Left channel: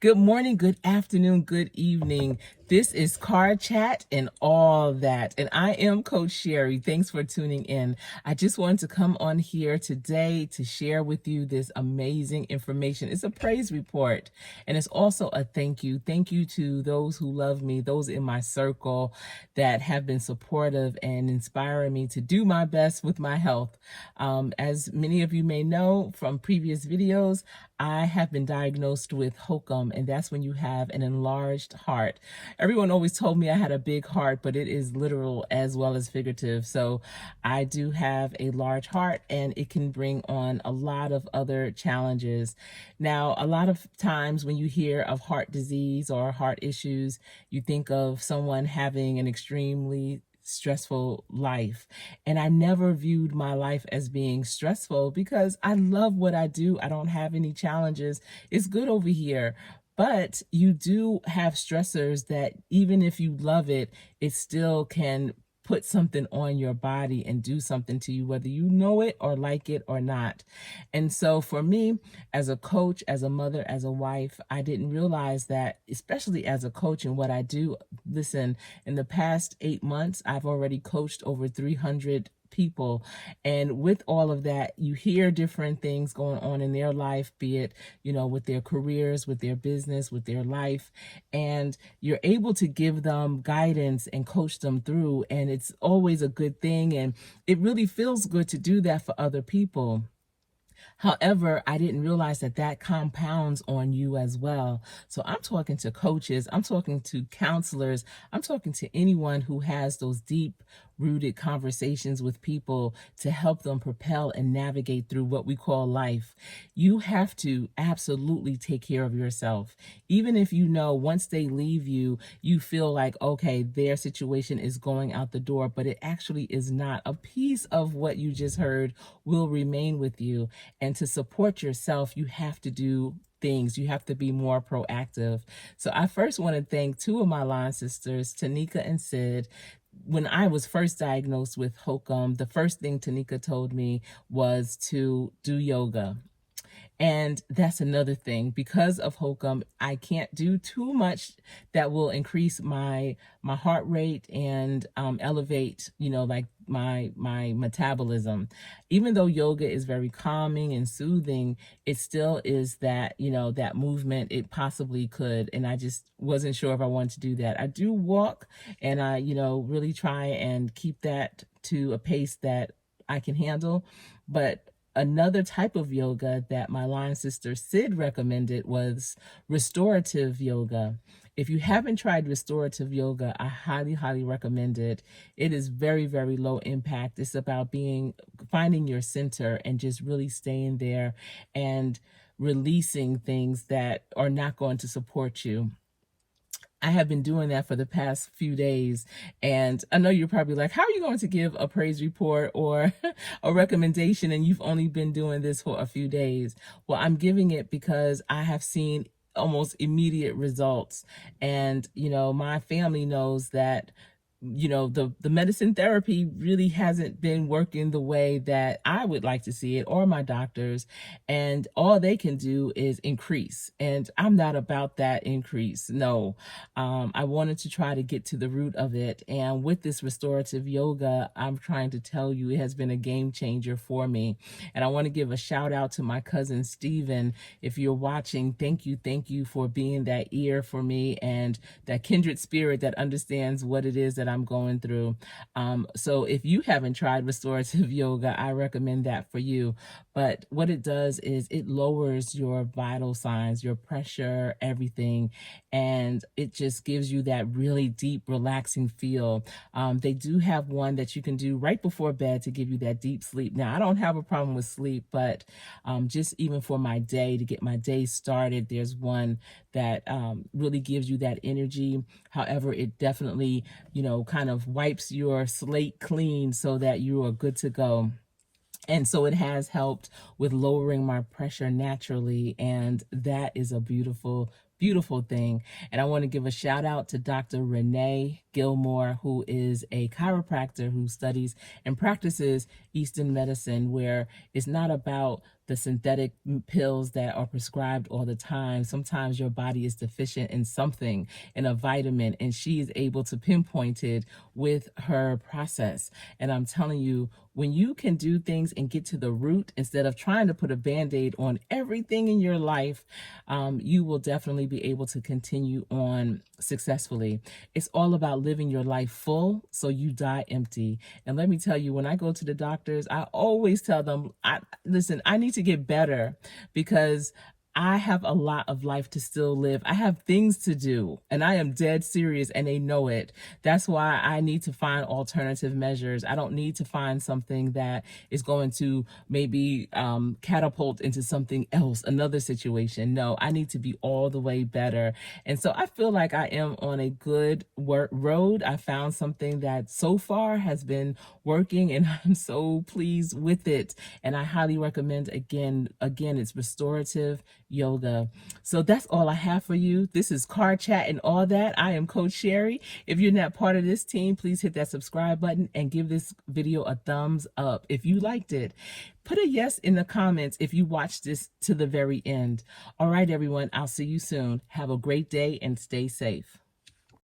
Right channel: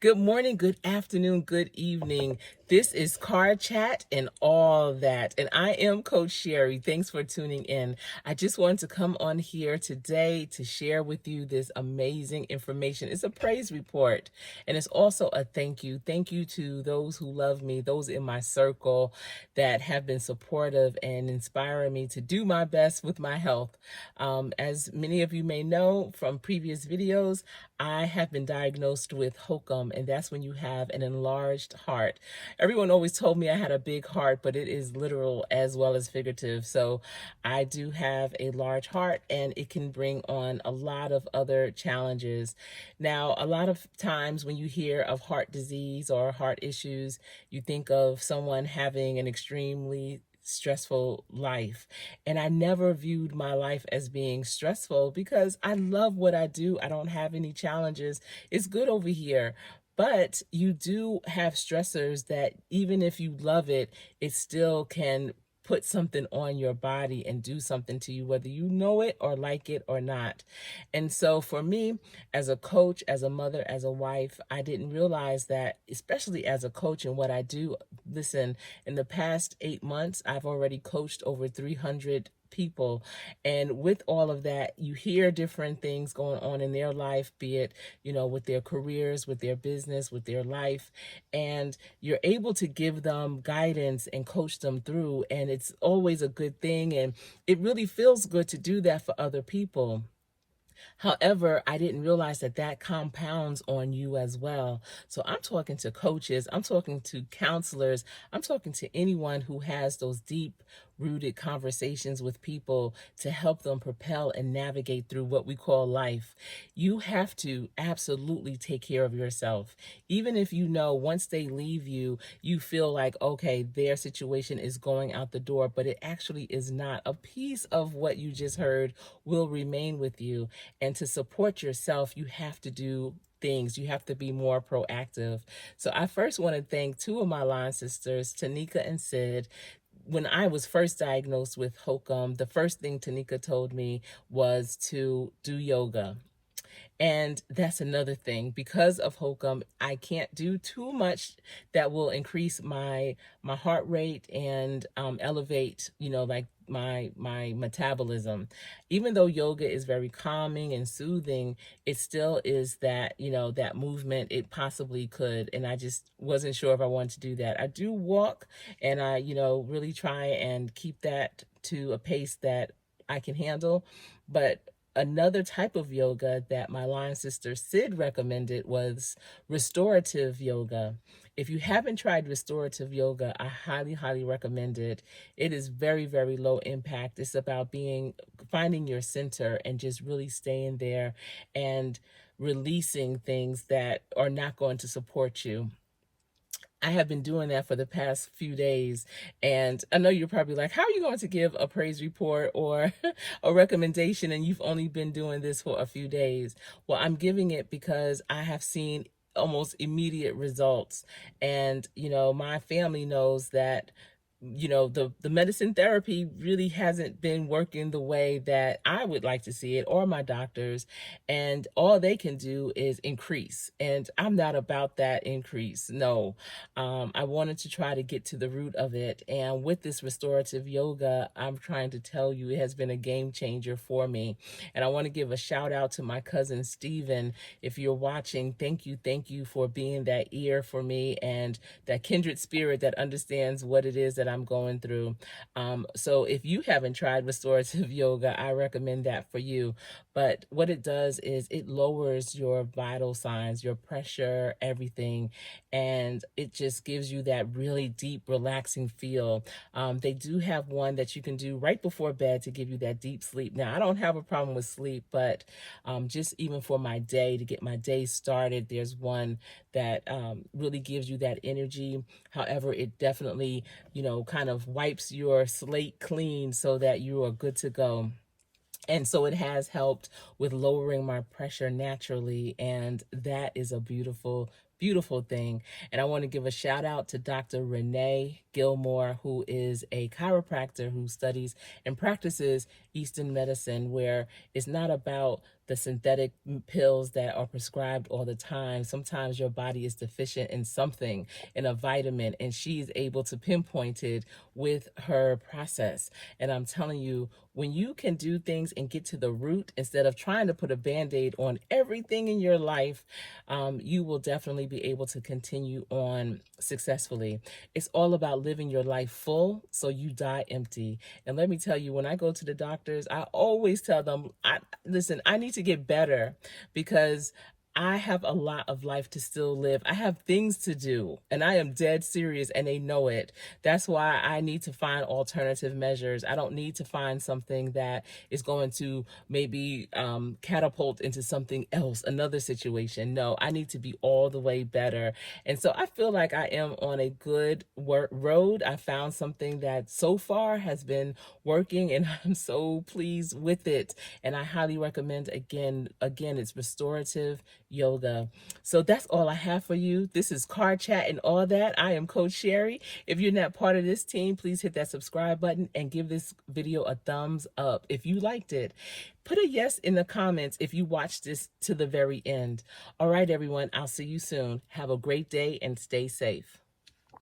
Good morning, good afternoon, good evening. This is Car Chat and all that. And I am Coach Sherry. Thanks for tuning in. I just wanted to come on here today to share with you this amazing information. It's a praise report and it's also a thank you. Thank you to those who love me, those in my circle that have been supportive and inspiring me to do my best with my health. As many of you may know from previous videos, I have been diagnosed with hokum, and that's when you have an enlarged heart. Everyone always told me I had a big heart, but it is literal as well as figurative. So I do have a large heart, and it can bring on a lot of other challenges. Now, a lot of times when you hear of heart disease or heart issues, you think of someone having an extremely stressful life. And I never viewed my life as being stressful because I love what I do. I don't have any challenges. It's good over here. But you do have stressors that even if you love it, it still can put something on your body and do something to you, whether you know it or like it or not. And so for me, as a coach, as a mother, as a wife, I didn't realize that, especially as a coach and what I do. Listen, in the past 8 months, I've already coached over 300 people. And with all of that, you hear different things going on in their life, be it, with their careers, with their business, with their life. And you're able to give them guidance and coach them through. And it's always a good thing. And it really feels good to do that for other people. However, I didn't realize that that compounds on you as well. So I'm talking to coaches, I'm talking to counselors, I'm talking to anyone who has those deep rooted conversations with people to help them propel and navigate through what we call life. You have to absolutely take care of yourself. Even if you know once they leave you, you feel like, okay, their situation is going out the door, but it actually is not. A piece of what you just heard will remain with you. And to support yourself, you have to do things. You have to be more proactive. So I first want to thank two of my line sisters, Tanika and Sid. When I was first diagnosed with hokum, the first thing Tanika told me was to do yoga. And that's another thing. Because of hokum, I can't do too much that will increase my heart rate and elevate, like my metabolism. Even though yoga is very calming and soothing, it still is that, that movement it possibly could. And I just wasn't sure if I wanted to do that. I do walk and I, really try and keep that to a pace that I can handle. But another type of yoga that my line sister Sid recommended was restorative yoga. If you haven't tried restorative yoga, I highly, highly recommend it. It is very, very low impact. It's about finding your center and just really staying there and releasing things that are not going to support you. I have been doing that for the past few days. And I know you're probably like, how are you going to give a praise report or a recommendation and you've only been doing this for a few days? Well, I'm giving it because I have seen almost immediate results. And, my family knows that the medicine therapy really hasn't been working the way that I would like to see it, or my doctors, and all they can do is increase, and I'm not about that increase. No. I wanted to try to get to the root of it, and with this restorative yoga, I'm trying to tell you it has been a game changer for me. And I want to give a shout out to my cousin Steven. If you're watching, thank you for being that ear for me and that kindred spirit that understands what it is that I'm going through. So if you haven't tried restorative yoga, I recommend that for you. But what it does is it lowers your vital signs, your pressure, everything. And it just gives you that really deep, relaxing feel. They do have one that you can do right before bed to give you that deep sleep. Now, I don't have a problem with sleep, but just even for my day, to get my day started, there's one that really gives you that energy. However, it definitely, kind of wipes your slate clean so that you are good to go. And so it has helped with lowering my pressure naturally. And that is a beautiful, beautiful thing. And I want to give a shout out to Dr. Renee Gilmore, who is a chiropractor who studies and practices Eastern medicine, where it's not about the synthetic pills that are prescribed all the time. Sometimes your body is deficient in something, in a vitamin, and she is able to pinpoint it with her process. And I'm telling you, when you can do things and get to the root instead of trying to put a band-aid on everything in your life, you will definitely be able to continue on successfully. It's all about living your life full so you die empty. And let me tell you, when I go to the doctors, I always tell them, listen, I need to get better because I have a lot of life to still live. I have things to do, and I am dead serious, and they know it. That's why I need to find alternative measures. I don't need to find something that is going to maybe catapult into something else, another situation. No, I need to be all the way better. And so I feel like I am on a good road. I found something that so far has been working, and I'm so pleased with it. And I highly recommend, again, it's restorative yoga. So that's all I have for you. This is Car Chat and All That. I am Coach Sherry. If you're not part of this team, please hit that subscribe button and give this video a thumbs up if you liked it. Put a yes in the comments if you watched this to the very end. All right, everyone, I'll see you soon. Have a great day and stay safe.